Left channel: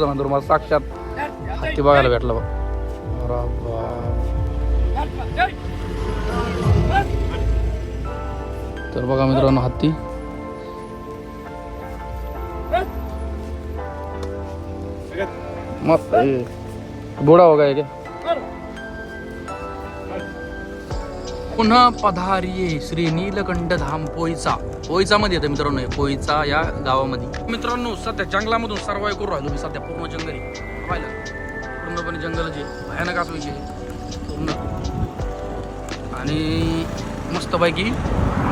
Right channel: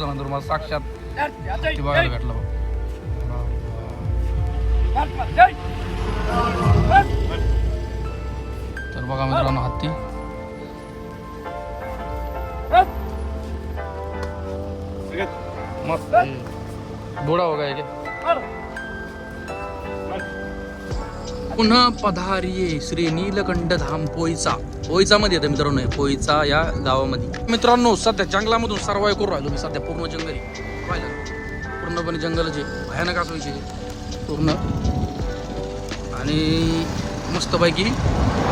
नंतर मला साक्षात ते बघायला भेटलं बा तर बघा मित्रांनो हत्ती मस्त. बोडा बघा पुन्हा पधारिये श्री नीलकंठ धाम पोईचा पोईचा मध्ये येते मित्रांनो हे पोईचा या गावामध्ये. मित्रांनो सध्या जंगलामधून सर्वाय करू राहिलो मी सध्या पूर्ण जंगल आहे. पाहिलं पूर्णपणे जंगल जे भयानक असं पूर्ण. आणि मस्तपैकी.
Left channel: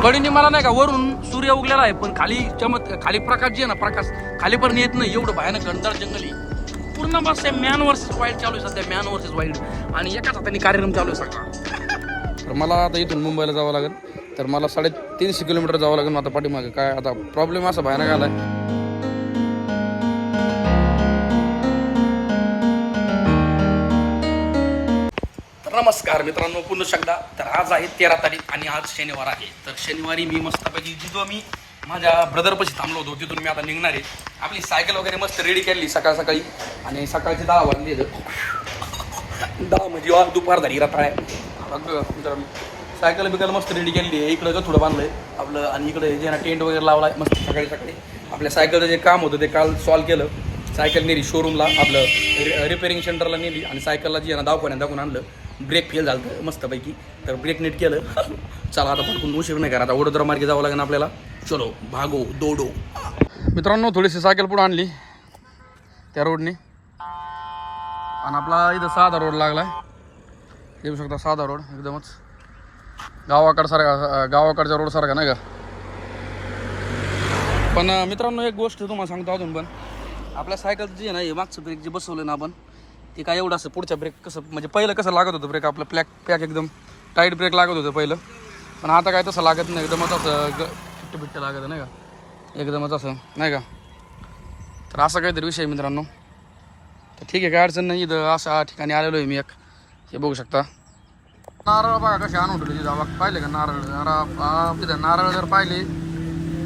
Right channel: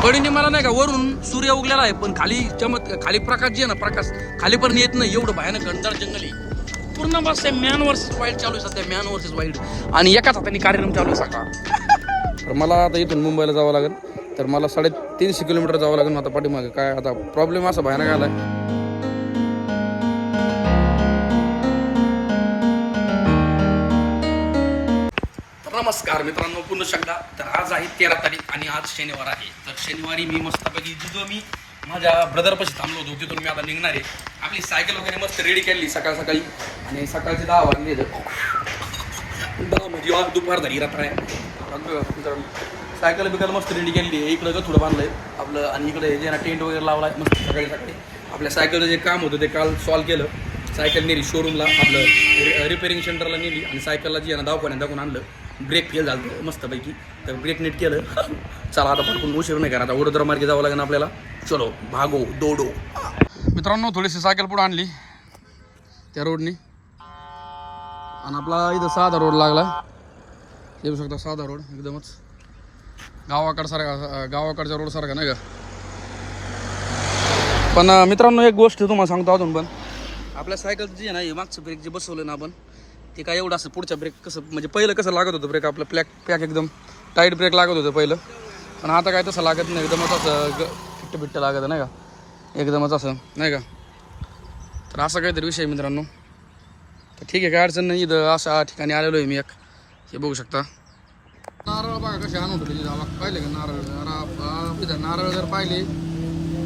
कडीने मला नाही का वरून सूर्य उगलेला आहे पण खाली चमत खाली प्रकाश जे आहे ना प्रकाश खाली पण येत नाही एवढं भयानक घनदार जंगल आहे. पूर्ण बस मॅन वर्सेस वाईल्ड चालू आहे सध्या मॅन वर्सेस वाईल्ड आणि एकाच हाताने कार्यक्रम चालू आहे सकाळ तर मला आता इथून मुंबईला जावं लागेल. तर मला साडेतीनशे किलोमीटर जावं लागेल आता पाठीमागे. काय आता प्रॉब्लेम असा भयानक आला तर नमस्कार मित्रांनो पुन्हा शकदा तर आज आहे तेरा तारीख आणि आज शनिवार आहे. तर शनिवारी मी मस्तपैकी जिथं मी माझ्या ब्रदरपाशी थांबलो होतो तिथून मी आता निघणार आहे. आपली सायकल वगैरे मस्त रेडी केली सकाळ सकाळी. आणि सकाळचे दहा वाजले दहा म्हणजे वा- दुपार झाली रात्र आहे आपलं मित्रांनो सायकल बिकल मस्त रेडी केलेली आहे. इकडं थोडं बांधलंय. आपलं आणि इकडे जे टेंट वगैरे लावला मस्त सकाळी सकाळी. आपल्या सायकलचं जे काम होतं ते काल सॉल्व केलं. सायकल नेली शोरूमला आपलं रिपेअरिंग सेंटरला नेली आणि सायकलला जी आहे ना दाखवण्या दाखवून आणलं. ब्रेक फेल झालं मस्तपैकी. तर ब्रेक नीट केलं. चला आता पटकून उशीर नाही करा. आता वडोदरा मार्गे जावं लागेल आपल्याला. चलो भागो दोडो. मित्रांनो थोडीशी सायकल पुढे आणली त्या रोडने आणि आपला इथं साधा रोड लागलाय. येऊ शकता साधा रोड एकदमच गावाकडसारखा गावाकडच्या रोडसारखा नाही का? पण मित्रांनो एक गोष्ट तुम्हाला सांगतो अजून पण. आपल्या सायकलचं जे आहे ना हे मागचं ब्रेक जे बसवलं ना आपण ते काय एवढं असं पुढच्या ब्रेक कसं म्हणजे पहिलं कसं लागत होतं ब्रेक आपलं प्लॅक पॅक एकदम टाईट ब्रेक लागत होतं पहिलं. पण आता काय तसं लागत नाही एकदमच असं ग फिट्ट बिट्ट लागत नाही का? एकदमच असं नाही का? तर असा काहीतरी विषय आहे मित्रांनो. तर ठीक आहे काय अडचण नाही इथं अशा ठिकाणी आलेलो आहे मी एक. हे बघू शकता. नारळ बघा कसे आणून ठेवले तिथं. पाहिले का नारळ? नारळ तिथं नारळ जर पाहिले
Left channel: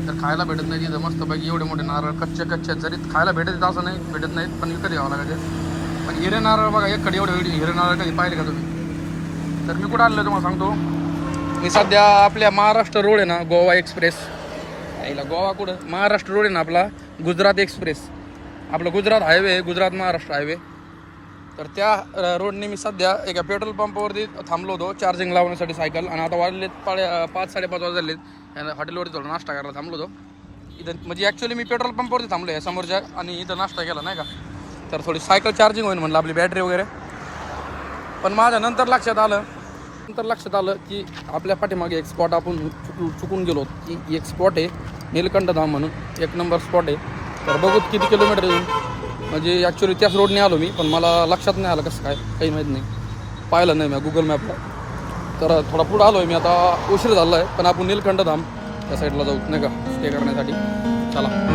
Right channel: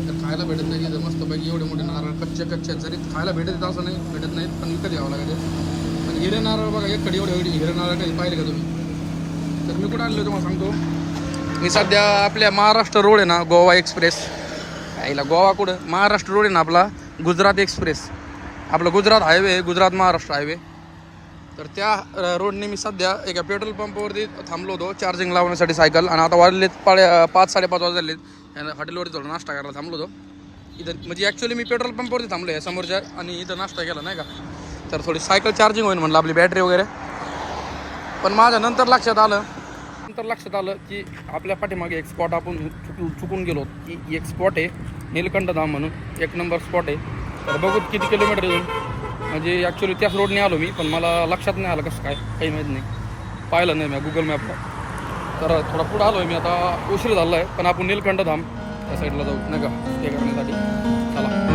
तर खायला भेटत नाही तिथं. मस्तपैकी एवढे मोठे नारळ कच्चे कच्चे. आहेत. जरी खायला भेटत असं नाही भेटत नाहीत पण विकत घ्यावं लागते पण हिरे नारळ बघा एक कडे एवढे हिरे नारळ कधी पाहिले का तुम्ही? तर मी कुठं आणलं तुम्हाला सांगतो. मी सध्या आपल्या महाराष्ट्र रोड आहे ना गोवा एक्सप्रेस. आईला गोवा कुठं? महाराष्ट्र रोड आहे ना आपला गुजरात एक्सप्रेस. आपलं गुजरात हायवे गुजरात महाराष्ट्र हायवे. तर त्या रोडने मी सध्या एका पेट्रोल पंपावरती थांबलो होतो चार्जिंग लावण्यासाठी सायकल. आणि आता वाजलेत पाळे पाच साडेपाच वाजलेत. हॉटेलवरती थोडं नाश्ता करायला थांबलो होतो. इथं म्हणजे ॲक्च्युली मी पेट्रोल पंपावरती थांबलो आहे समोरच्या आणि इथं नाश्ता केला नाही का? तर थोडी सायकल चार्जिंग होईल म्हणलं आपली बॅटरी वगैरे. पण माझ्या नंतर लक्षात आलं नंतर लक्षात आलं की आपल्या पाठीमागे एक स्पॉट आपण चुकून चुकून गेलो की एक स्पॉट आहे नीलकंठ धाम म्हणून. एक नंबर स्पॉट आहे. तर बघूत किती किलोमीटर येऊन म्हणजे ॲक्च्युली त्याच रोडने आलो मी पण मला लक्षात नाही आलं कसं काय काही माहीत नाही. पाहिलं नाही मी गुगल मॅपला तर थोडा पुढं आलो आहे मी आता उशीर झाला आहे पण आपण नीलकंठ धाम त्या साईडला जाऊ नाही का? स्टे करण्यासाठी. चला.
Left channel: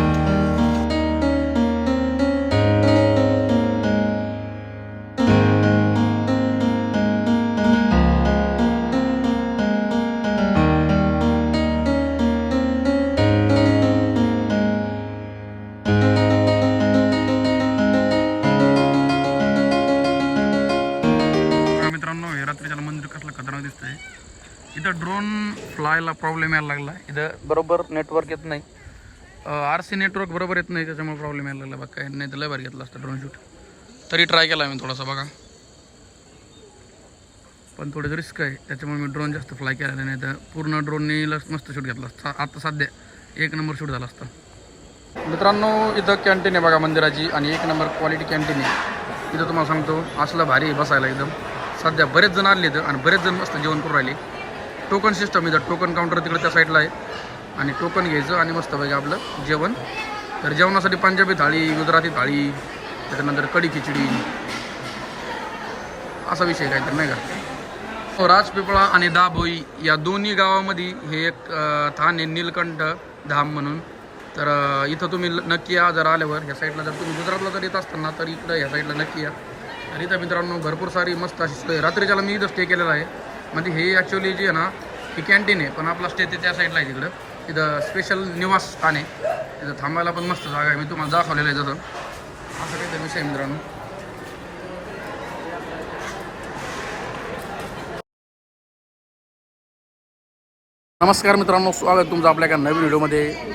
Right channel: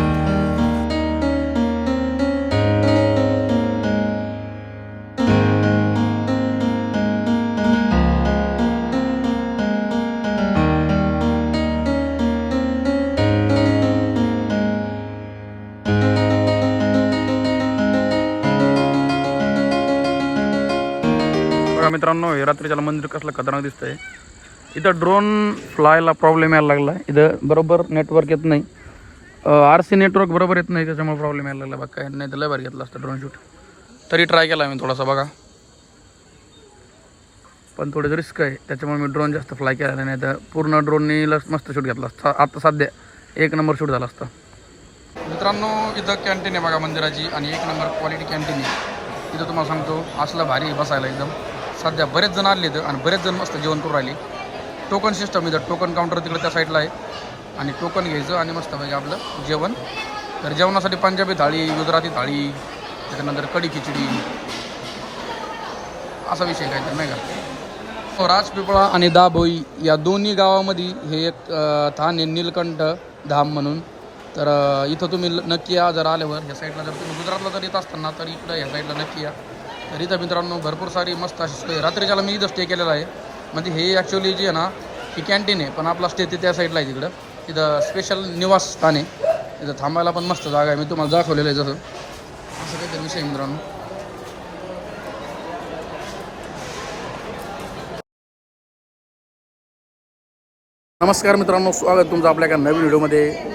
खतरनाक दिसतंय. इथं ड्रोन फ्लायला प्रॉब्लेम यायला लागला इथं बरोबर नेटवर्क येत नाही. आर सी नेटवर्क बरोबर येत नाही त्याच्यामुळे प्रॉब्लेम यायला लागला बघा काय नाही तर लय भारी घेतलं असतं ड्रोन शूट तरी ट्राय केला मी थोडासा बघा. पण थोडं रिस्क आहे. त्याच्यामुळे मी ड्रोन जास्त फ्लाय केला नाही. तर पूर्ण ड्रोननी मस्त शूट घेतला असता. आता सध्या एक नंबर शूट झाला असता. मित्रांनो इथं कॅन्टीन आहे बघा मंदिराची आणि एक नंबर क्वालिटी कॅन्टीन आहे. इथं तुम्हाला सांगतो असलं भारी बसायला एकदम. सध्या बरेच जण आले इथं आणि बरेच जण मस्त जेवण करून राहिले. टोकन सिस्टम इथं टोकन काउंटर तिकडे त्या साईडला आहे. आणि टोकन घ्यायचं आणि मस्त पाहिजे आपलं जेवण. तर जेवणासाठी पंजाबी थाळी गुजराती थाळी त्याच्यानंतर कढी खिचडी. असा विषय काय तर नाही का? हो, राजपिपळा आणि दाभोई या दोन्ही गावामध्ये हे एक थान आहे नीलकंठ धाम म्हणून. तर इथं तुम्ही नक्की या जर आल्यावर ह्या साईडला जर तुम्ही गुजरातला जर येत असताना तर इकडं ह्या साईडला नक्की या. तर इथं मित्रांनो भरपूर सारी मस्त अशी सोय. रात्रीच्याला मी इथं स्टे केलेला आहे. म्हणजे हे ॲक्च्युली जी आहे ना ही कॅन्टीन आहे पण आपला स्टे ते त्या साईडला आहे तिकडं. तिथं स्पेशल निवास स्थान आहे. तिथं थांबायला पण मस्त जागा आहे. मी तुम्हाला दाखवलेलं आहे जसं. असं काहीतरी विषय मित्रांनो. नमस्कार मित्रांनो स्वागत तुमचं आपल्या एका नवीन व्हिडिओमध्ये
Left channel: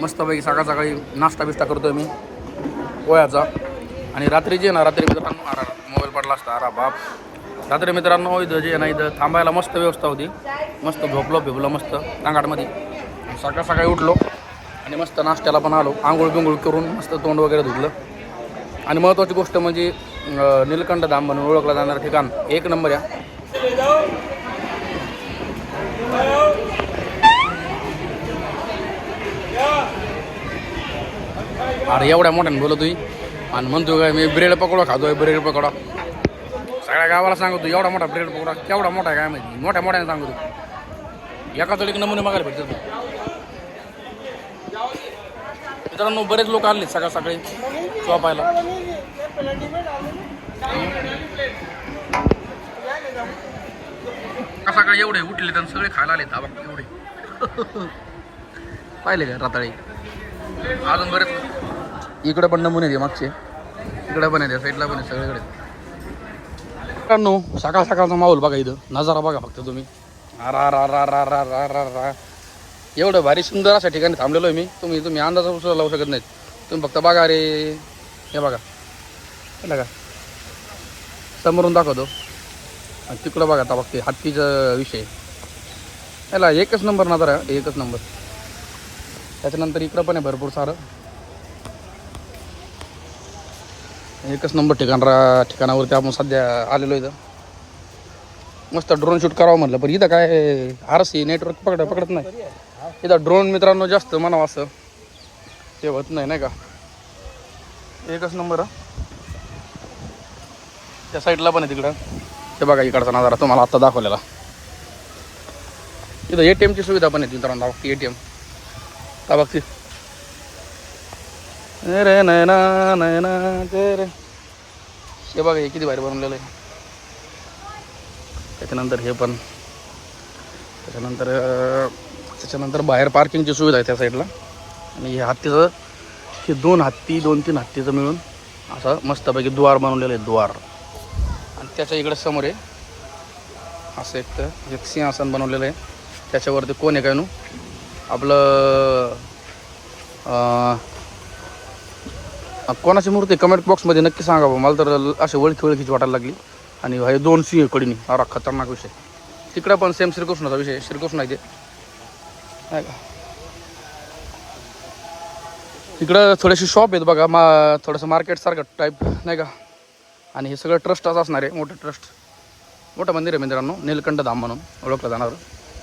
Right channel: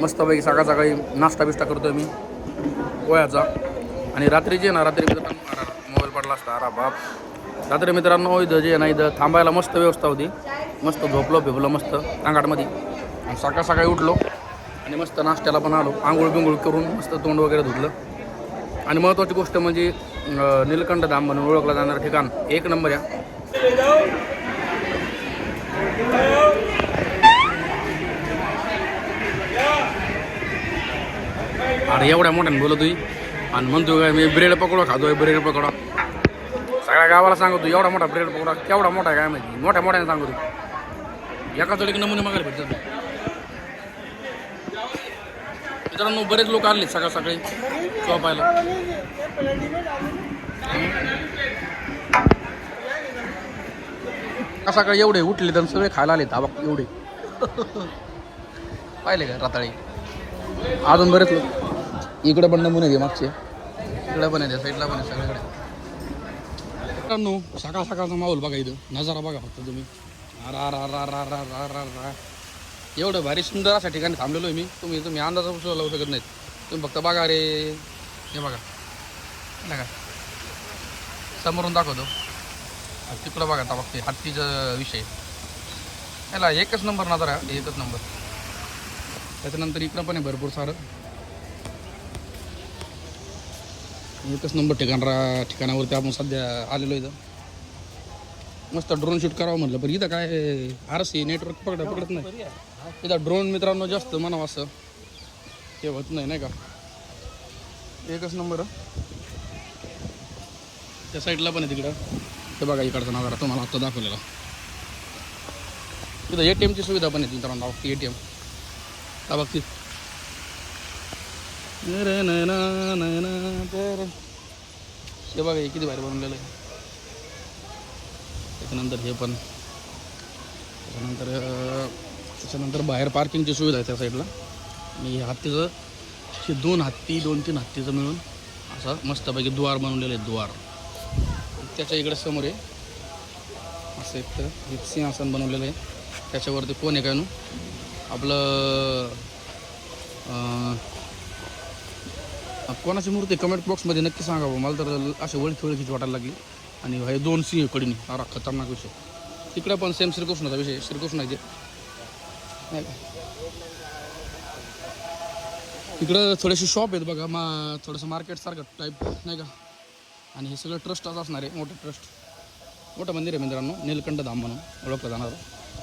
मस्तपैकी सकाळ सकाळी नाश्ता बिष्टा करतोय मी. पोह्याचा. आणि रात्री जे ना रात्री मित्रांनो अरा मोबाईल पडला असता अरा बाप. रात्री मित्रांनो इथं जे ना इथं थांबायला मस्त व्यवस्था होती. मस्त झोपलो भिपलो मस्त तांगाटमध्ये आणि सकाळ सकाळी उठलो आणि मस्त नाश्त्याला पण आलो. आंघोळ बिंघोळ करून मस्त तोंड वगैरे धुतलं. आणि महत्त्वाची गोष्ट म्हणजे नीलकंठ धाम म्हणून ओळखलं जाणारं ठिकाण एक नंबर या. अरे एवढ्या मोठ्याने बोलत तुम्ही आणि म्हणतो काय मी ब्रेड पकोडा खातोय ब्रेड पकोडा. सगळ्या गावाला सांगतो एवढा मोठा ब्रेड पकोडा केवढा मोठा काय माहिती मोठ्या मोठ्याने सांगतो. एका एक नमुने मागायला भेटतात. मित्रांनो बरेच लोक आले सकाळ सकाळी शॉपायला सकाळ सकाळी एवढे उठले तर सगळे खायला आले धाबा एवढे. पाहिले का रताळे? अजून बरेच लोक. इकडे पण नमुने आहे मागचे. इकडे पण आहे साईडला पण आहे सगळीकडे. मित्रांनो सकाळ सकाळचा माहोल बघा इथं. नजारा बघा फक्त तुम्ही. रा रा रा रा रा रा रा रा एवढं भारी सुंदर अशा ठिकाणी थांबलेलो आहे मी. तुम्ही तुम्ही अंदाज सुद्धा लावू शकत नाहीत. तुम्ही फक्त बघा रे. हे बघा. का समोरून दाखवतो. तिकडं बघा आता बघते हत्तीचा विषय. याला एकच नंबर नजर आहे एकच नंबर त्याच्यानंतर इकडं पण आहे भरपूर सारं. एकच नंबर ठिकाण रा ठिकाणावरती आपण सध्या आलेलो इथं. मस्त ड्रोन शूट करावं म्हटलं पण इथं काय आरस नेटवर्क पकड पकडत नाही. इथं ड्रोन मित्रांनो जास्त म्हणावं असं. ते होत नाही नाही का? एकच नंबर त्या साईडला पण आहे तिकडं. ते बघा इकडचा नजारा तुम्हाला आत्ता दाखवलेला. इथं ए टी एमची सुविधा पण आहे मित्रांनो बघती ए टी एम का रे नयना नयना ते रे हे बघा हे किती भारी बनवलेलं आहे. त्याच्यानंतर हे पण. त्याच्यानंतर त्याच्यानंतर बाहेर पार्किंगची सुविधा आहे त्या साईडला आणि हे हत्तीचं हे दोन हत्ती दोन तीन हत्तीचं मिळून असं मस्तपैकी द्वार बनवलेलं आहे द्वार. आणि त्याच्या इकडे समोर आहे असं एक तर एक सिंहासन बनवलेलं आहे. त्याच्यावरती कोण आहे काय नू? आपलं कोणाची मूर्ती कमेंट बॉक्समध्ये नक्की सांगा बा. मला तर असे ओळखी ओळखीची वाटायला लागली. आणि हे दोन सिंह कडीने. अरा खतरनाक विषय. तिकडं पण सेम श्रीकृष्णाचा विषय श्रीकृष्ण आहे ते. नाही का? तिकडं थोडेसे शॉप आहेत बघा. मा थोडंसं मार्केटसारखं टाईप नाही का? आणि हे सगळं ट्रस्टच असणार आहे. मोठं ट्रस्ट मोठं मंदिर आहे मित्रांनो. नीलकंठ धाम म्हणून ओळखलं जाणार.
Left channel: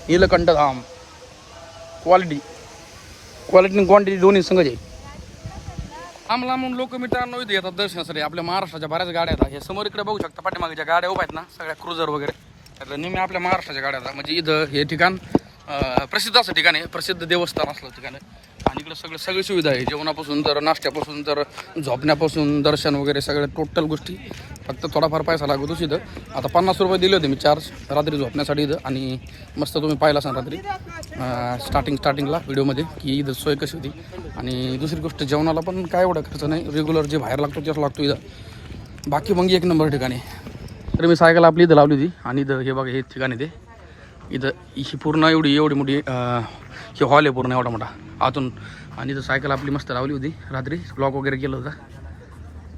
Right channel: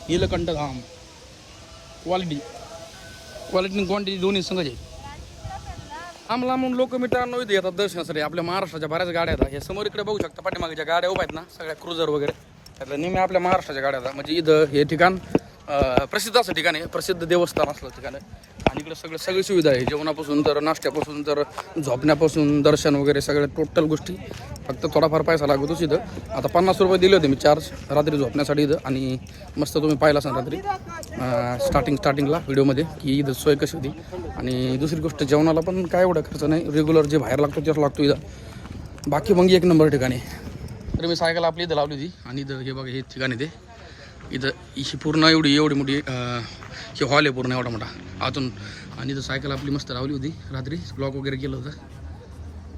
नीलकंठ धाम. क्वालिटी क्वालिटी आणि क्वांटिटी दोन्ही संघ आहे. लांब लांबून लोक मित्रांनो इथे येतात दर्शनासाठी. आपल्या महाराष्ट्राच्या बऱ्याच गाड्या आहेत. हे समोर इकडे बघू शकता पाठीमागे ज्या गाड्या उभ्या आहेत ना सगळ्या क्रुझर वगैरे. त्यातल्या नेहमी आपल्या महाराष्ट्राच्या गाड्या म्हणजे इथं हे ठिकाण प्रसिद्ध असं ठिकाण आहे. प्रसिद्ध देवस्थान असलं ठिकाण आहे. आणि इकडे सगळं सगळी सुविधा आहे. जेवणापासून तर नाश्त्यापासून तर झोपण्यापासून दर्शन वगैरे सगळ्या टोटल गोष्टी. फक्त थोडाफार पैसा लागतोच इथं. आता पन्नास रुपये दिले होते मी चार्ज रात्री झोपण्यासाठी इथं. आणि मस्त तुम्ही पाहिला असाल रात्री. स्टार्टिंग स्टार्टिंगला व्हिडिओमध्ये की इथं सोय कशी होती. आणि दुसरी गोष्ट जेवणाला पण काय एवढा खर्च नाही. रेग्युलर जे बाहेर लागतो तेच लागतो इथं. बाकी मग एक नंबर ठिकाणी. तर मी सायकल आपली इथं लावली होती. आणि इथं हे बघा हे ठिकाणी ते. इथं ही पूर्ण एवढी एवढी मोठी हे हॉल आहे पूर्ण एवढा मोठा. आतून आणि इथं सायकल आपली मस्त लावली होती. रात्री ब्लॉक वगैरे केलं होतं.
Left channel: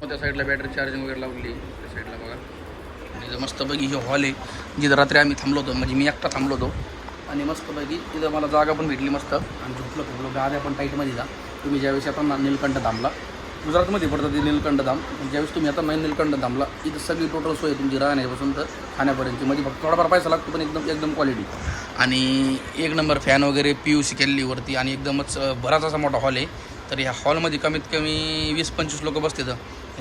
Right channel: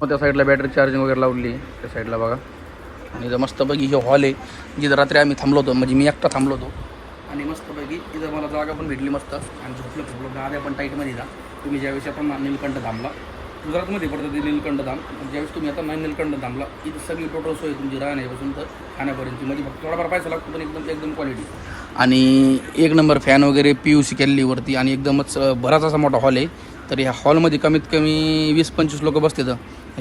मग त्या साईडला बॅटरी चार्जिंग वगैरे लावली त्या साईडला बघा. आणि इथं मस्तपैकी हे हॉल आहे जिथं रात्री आम्ही थांबलो होतो म्हणजे मी एकटा थांबलो होतो. आणि मस्तपैकी तिथं मला जागा पण भेटली मस्त. आणि झोपलं झोपलं गाद्या पण टाईटमध्ये जा. तुम्ही ज्यावेळेस आता नीलकंठ धामला. गुजरातमध्ये पडतं ते नीलकंठ धाम. ज्यावेळेस तुम्ही आता नाही नीलकंठ धामला इथं सगळी टोटल सोय तुमची राहण्यापासून तर खाण्यापर्यंतची. म्हणजे फक्त थोडाफार पैसा लागतो पण एकदम एकदम क्वालिटी आणि एक नंबर फॅन वगैरे पी यू सी केलेलीवरती आणि एकदमच बराच असा मोठा हॉल आहे. तर या हॉलमध्ये कमीत कमी वीस पंचवीस लोक बसतात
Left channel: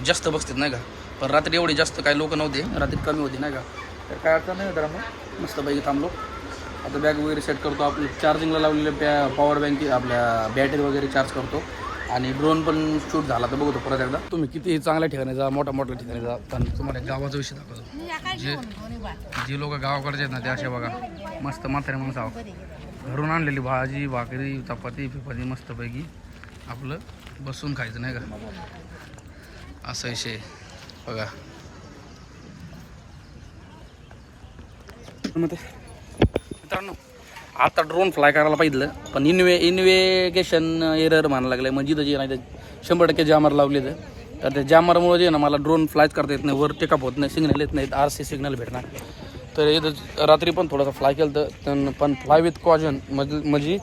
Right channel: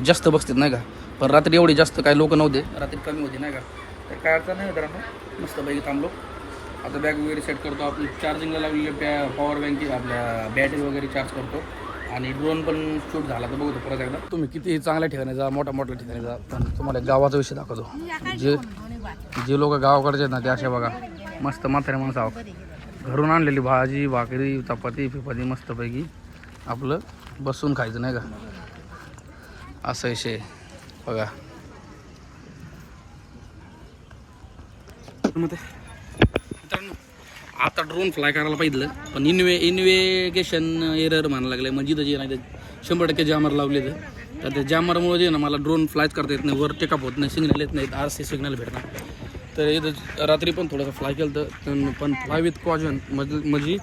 जास्त बसतात नाही का? पण रात्री एवढे जास्त काही लोक नव्हते रात्री कमी होते नाही का? तर काय अडचण नाही तर मस्तपैकी थांबलो. आता बॅग वगैरे सेट करतो आपली चार्जिंगला लावलेले बॅ पॉवर बँक आपल्या बॅटरी वगैरे चार्ज करतो. आणि ड्रोन पण शूट झाला तर बघतो परत एकदा. तुम्ही किती चांगल्या ठिकाणी जा मोठ्या मोठ्या ठिकाणी जा पण तुम्हाला गावाचा विषय दाखवतो. जे जे लोक गावाकडचे आहेत ना ते असे बघा मस्त म्हातारे माणसं आहो. घरून आणलेली भाजी भाकरी चपाती फिपाती मस्तपैकी आपलं बसून खायचं नाही का? असा विषय बघा. मग ते मित्रांनो आता ड्रोन फ्लाय करायला पाहिजे पण इन्वे इन्व्हेगेशन एरर म्हणायला लागले. म्हणजे इथं जे नाही ते शंभर टक्के जामर लावले तर. त्या जामरमुळे जे ना मला ड्रोन फ्लायच करता येत नाही वर टेकअप होत नाही सिग्नल येत नाहीत आर सी सिग्नल भेटणार. तर इथं रात्री पण थोडंसं फ्लाय केलं तर पण फ्लाय विथ कॉजन म्हणजे म्हणजे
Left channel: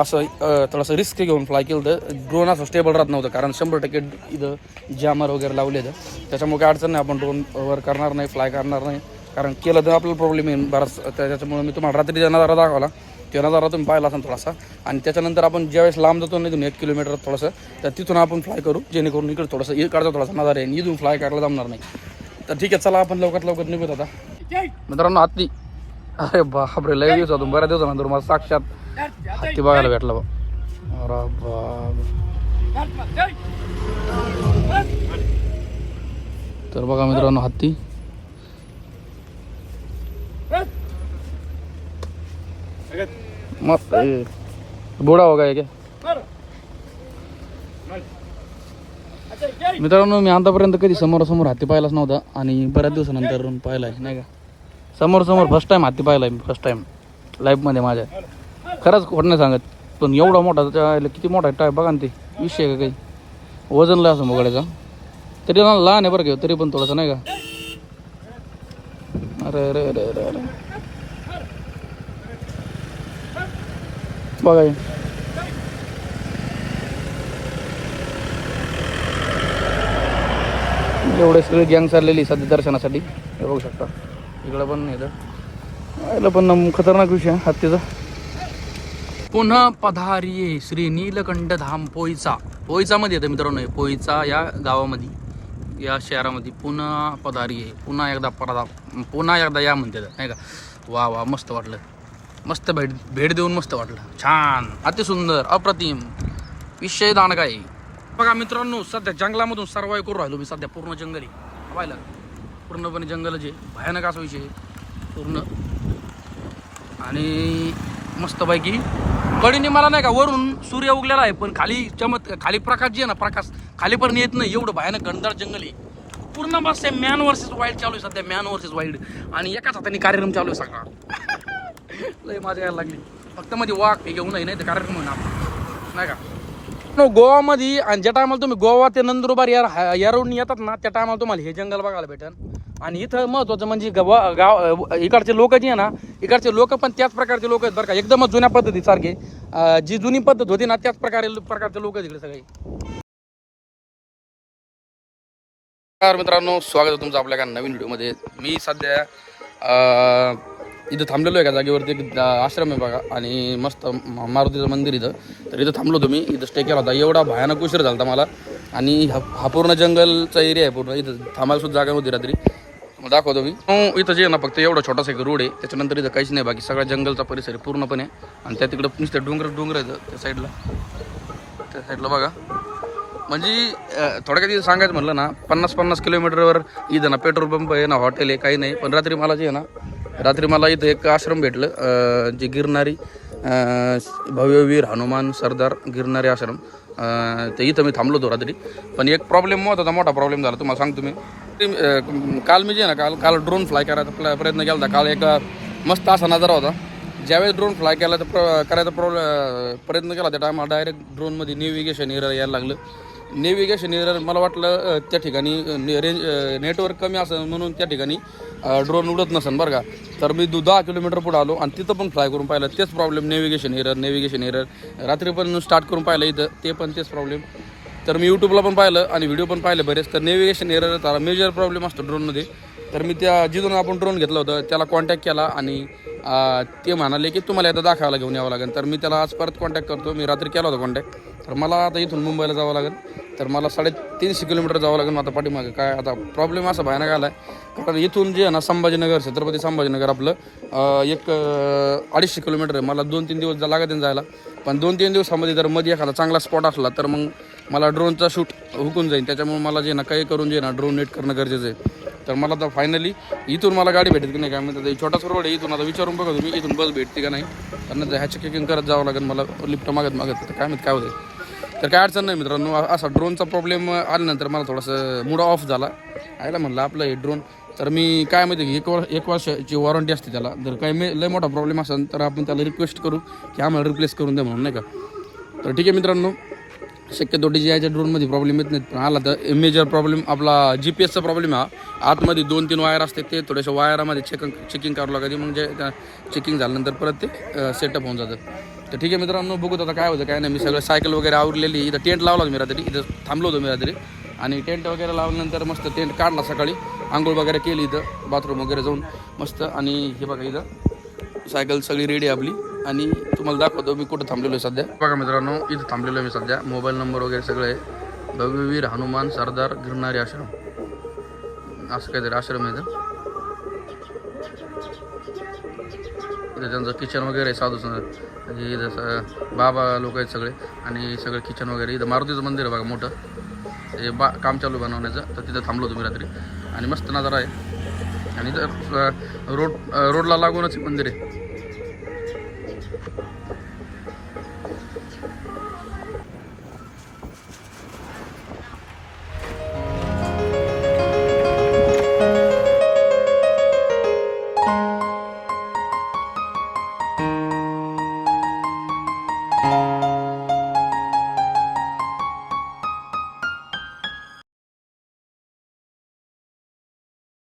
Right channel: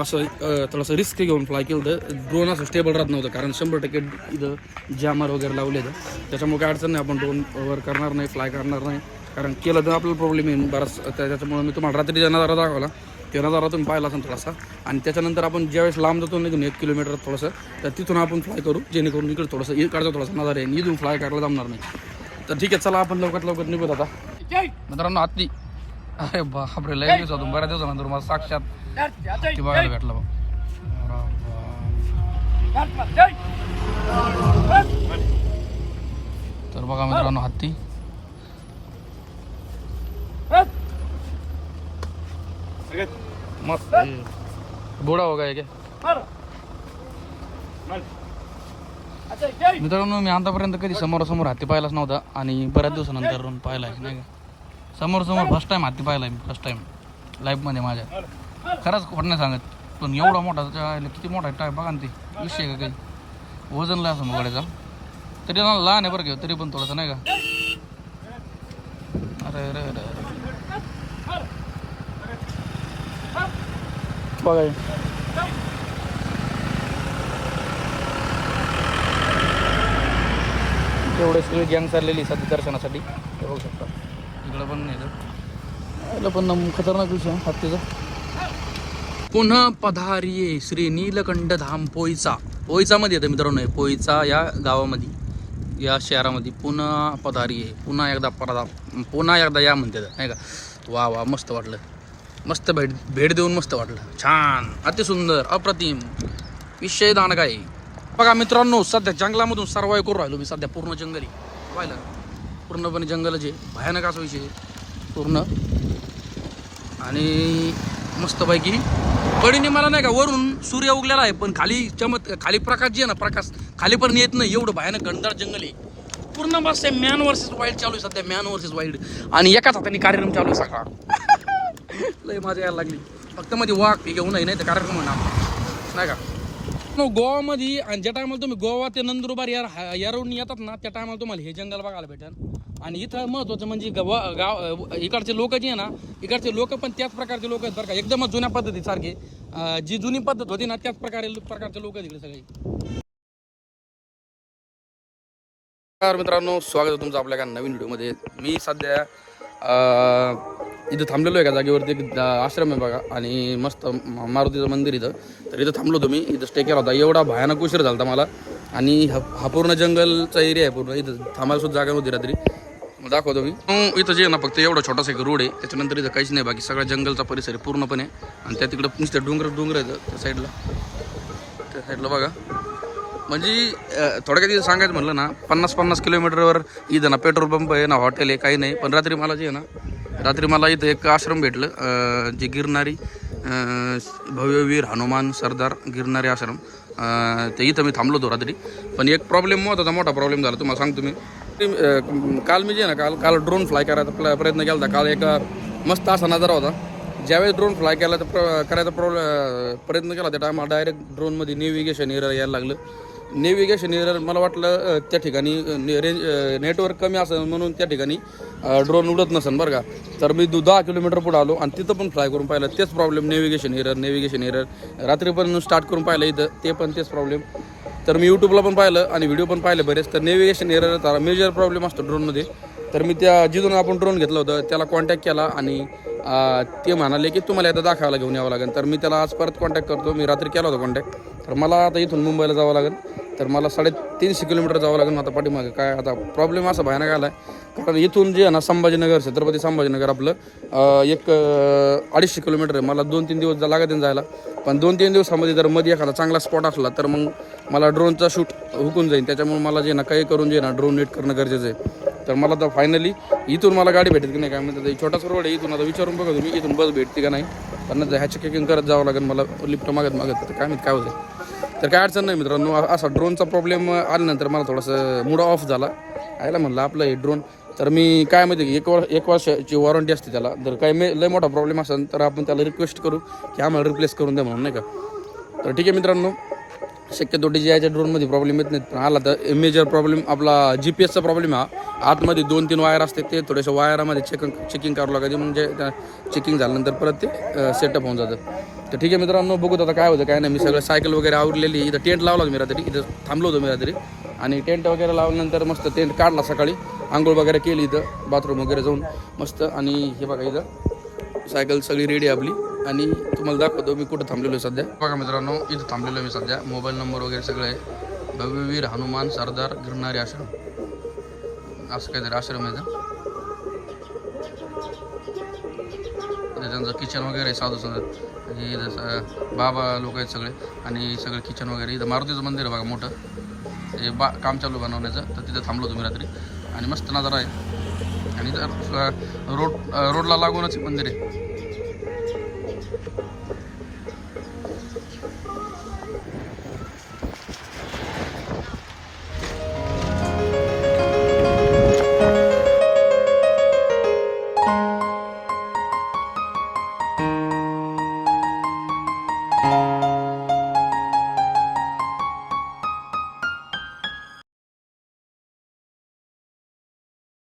असं थोडंसं रिस्क घेऊन फ्लाय केलं तर ड्रोन असं स्टेबल राहत नव्हतं कारण शंभर टक्के इथं जामर वगैरे लावले तर त्याच्यामुळे काय अडचण नाही आपण ड्रोन वर करणार नाही फ्लाय करणार नाही. कारण केलं तर आपल्याला प्रॉब्लेम येईल बराच. त्या- त्याच्यामुळे मी तुम्हाला रात्री जे नजारा दाखवला ते नजारा तुम्ही पाहिला असेल थोडासा. आणि त्याच्यानंतर आपण ज्यावेळेस लांब जातो निघून एक किलोमीटर थोडंसं तर तिथून आपण फ्लाय करू जेणेकरून इकडे थोडंसं इकडचा थोडासा नजारा येईल. इथून फ्लाय करायला जमणार नाही. तर ठीक आहे चला आपण लवकरात लवकर निघूत आता. मित्रांनो हत्ती अरे बापरे लय दिवस होतो बऱ्याच दिवसानंतर मला साक्षात हत्ती बघायला भेटला. तर बघा मित्रांनो हत्ती. मस्त. बुडा हो काय मित्रांनो मी आतापर्यंत कधी समोरासमोर हत्ती पाहिलाच नव्हता आणि बऱ्याच दिवसानंतर पाहिलाय नाही का? समोर समोर फर्स्ट टाइम हाती पाहिला मी फर्स्ट टाइम लाईफमध्ये माझ्या. खरंच खोट नाही सांगत पण एवढा मोठा त्याच्या किती मोठा टाय बघा ना ते विषय का काही? वजन लय असं बघायचं तरी ना लहान आहे बरं का तरी पण थोडंसं नाही का? अरे अरे अरे अरे अरे. बघा एवढे सगळे गँग चाललेली सध्या दर्शनासाठी. हे बघू शकता. इकडं पण येतं पण खतरनाक विषय हत्तीचा. पुन्हा पधारिये श्री नीलकंठ धाम पोईचा. पोईचामध्ये येतं मित्रांनो पोईचा या गावामध्ये या शहरामध्ये पुन्हा पधारिये पुन्हा एकदा पदा पुन्हा एकदा या म्हणते नाही का? वा वा मस्त वाटलं. मस्त भेट भेट देऊन मस्त वाटलं. छान अतिसुंदर अप्रतिम. विषय दांडगा बघा मित्रांनो सध्या जंगलामधून सर्वाय करून राहिलो मी सध्या पूर्ण जंगली पाहिलं पूर्णपणे जंगलच आहे. भयानक असा विषय पूर्ण. आणि मस्तपैकी. कडीने मला नाही का वरून सूर्य उगलेला आहे पण खाली चमत खाली प्रकाश जे आहे ना प्रकाश खाली पण येत नाही. एवढं भयानक घनदार जंगल आहे. पूर्ण मस्त आहे मॅन वर्सेस वाईल्ड चालू आहे सध्या मॅन वर्सेस वाईल्ड आणि एकाच हाताने कार्यक्रम चालू आहे सगळा. लय मजा यायला लागली. फक्त मध्ये वाघ हे घेऊन नाही तर कार्यक्रम होईना नाही का? गोवामध्ये आणि ज्या टायमाला तुम्ही गोवा ते नंदुरबार या या रोडनी येतात ना त्या टायमाला तुम्हाला हे जंगल बघायला भेटेल आणि इथं महत्वाचं म्हणजे गाव गाव इकडचे लोक जे आहे ना इकडचे लोक पण त्याच प्रकारचे लोक आहेत बरं का. एकदमच जुन्या पद्धती सारखे. जी जुनी पद्धत होती ना त्याच प्रकारे प्रकारचे लोक आहेत इकडे सगळे. मित्रांनो स्वागत आहे तुमचं आपल्या एका नवीन व्हिडिओमध्ये मी सध्या इथं थांबलेलो आहे का जागेवरती एक आश्रम आहे बघा आणि मस्त म- मारुतीचं मंदिर इथं. तर इथं थांबलो तुम्ही इथं स्टे केला होता. एवढा भयानक उशीर झाला होता मला. आणि हा हा पूर्ण जंगलचा एरिया आहे पूर्ण. इथं थांबायला सुद्धा जागा होती रात्री. मग दाखवतो मी. इथं जे ना फक्त एवढा छोटासा एक रोड आहे. त्याच्यानंतर इथं काहीच नाही बाकी सगळा जंगलचा परिसर आहे पूर्णपणे. आणि त्या तिकडं नुसतं डोंगर डोंगर आहे त्या साईडला त्या साईडला बघा. म्हणजे अं, थोडक्यात इथं सांगायचं म्हटलं ना पन्नास पन्नास किलोमीटरवर इथं ना पेट्रोल पंप आहे ना हॉटेल आहे काही नाही. पण रात्री मला जे आहे ना रात्री मला इथं एक आश्रम भेटलं जे गिरणारी भव्यवीर हनुमान सरदार गिरणारी आश्रम. ते इथं मी थांबलो होतो रात्री. पण एक प्रॉब्लेम होता मोठा प्रॉब्लेम झाला. तुम्हाला सांगतो मी. काल मी जे ना काल काल ड्रोन फ्लाय करायचा प्र- प्रयत्न केला होता. काल एक मस्त असा नजारा होता. ज्यावेळेस ड्रोन फ्लाय केला तर प्र करायचा प्रॉब्लेम प्रयत्न केला त्या टायमाला डायरेक्ट ड्रोनमध्ये नेव्हिगेशन एरर यायला लागलं. नेव्हिगेशन एरर मला वाटलं त्या ठिकाणी रेंज नेटवर्क कमी असं म्हणून त्या ठिकाणी ड्रोन उडत नसेल बरं का. तर मी दु दहा किलोमीटर पुढे आलो आणि तिथं पण फ्लाय करून पाहिलं. तेच problem navigation error navigation error रात्री पण स्टार्ट करून पाहिलं इथं. ते पण तेच प्रॉब्लेम तर मी यूट्यूबला पण पाहिलं आणि व्हिडिओ पण पाहिले बरेच. तर नेव्हिगेशन एरर मेजर प्रॉब्लेम असतो ड्रोनमध्ये तर मी त्या जिथून आपण ड्रोन घेतलं होतं. त्याला कॉन्टॅक्ट केला आणि ते म्हणाले की तुम्हाला आता दाखवायला घेऊन यावं लागेल. तर मी त्याला आज परत कॉन्टॅक्ट करतो. मी रात्री केला होता कॉन्टॅक्ट तर मला आता इथून मुंबईला जावं लागेल. तर मला साडेतीनशे किलोमीटर जावं लागेल आता पाठीमागे. काय आता प्रॉब्लेम असा भयानक आला आहे कारण इथून जे आहे ना संभाजीनगर छत्रपती संभाजीनगर आपलं एक अडीचशे किलोमीटर आहे. मला दोन तीन दिवस लागत जायला पण दोन तीन दिवसामध्ये जर मध्ये एखादा चांगला स्पॉट असला तर मग मला ड्रोनचा शूट हुकून जाईल त्याच्यामुळे मला जे ना काही करून जे ना ड्रोन नेट करणं गरजेचं आहे. तर मला आता फायनली इथून मला गाडी भेटेल की नाही काय म्हणतात हे छोटासा रोड आहे इथून आता विचारून बघा तुम्ही इथून बस भेटते का नाही. त्यांना ह्याची चेकिंग करत जावं लागेल मला लिफ्ट मागत मागत तर काय माहीत काय होतं तर काय अडचण नाही मित्रांनो असा ड्रोनचा प्रॉब्लेम आल्यानंतर मला थोडंसं मूड ऑफ झाला. आयला म्हणलं आपलं हे ड्रोन. तर मी काय माहिती की एक वर्ष एक वर्षाची वॉरंटी असते त्याला. जर काय मे लय मोठा प्रॉब्लेम असेल तर आपण त्याला रिक्वेस्ट करू की आम्हाला रिप्लेस करून द्या म्हणून नाही का? तर ठीक आहे मित्रांनो शक्यतो डी जी आयच्या ड्रोनमध्ये प्रॉब्लेम येत नाहीत पण आला तर मेजर प्रॉब्लेम आपला जी पी एसचा प्रॉब्लेम हा. आतमध्ये दोन तीन वायर असते ते थोड्याशा वायरामध्ये चेकिंग चेकिंग करावं लागते मग जे चेकिंग झाल्यानंतर परत ते सेटअप होऊन जातं. तर ठीक आहे मित्रांनो बघूत आता काय होतं काय नाही. मी सगळं सायकल वगैरे आवरलेली इथं टेंट लावला मी रात्री. इथं थांबलो होतो मी रात्री. आणि टेंट वगैरे लावल्यानंतर मस्त टेंट काढला सकाळी. आंघोळ वगैरे केली इथं. बाथरूम वगैरे जाऊन मस्त. आणि हे बघा इथं. सायकल सगळी रेडी आपली. आणि तुम्हाला दाखवतो मी कुठं थांबलेलो आहे सध्या. बघा मित्रांनो इथं थांबलेलो आहे मी सध्या. मोबाईल नंबर वगैरे सगळं आहे. भव्यवीर हनुमान सरदार गिरणारी आश्रम. असं काहीतरी आश्रम आहे इथं. त्यांचं किचन वगैरे आहे साधू संत. म्हणजे इथं बाबा लोक आहेत सगळे. आणि सगळं किचन वगैरे इथं मारुतीचं मंदिर आहे बघा मोठं. हे बा काम चालू बनवण्याचं. तर तिथं थांबलो तुम्ही रात्री. आणि मस्त नजारा आहे. आणि इथं रोड रोडला लागूनच मंदिर आहे.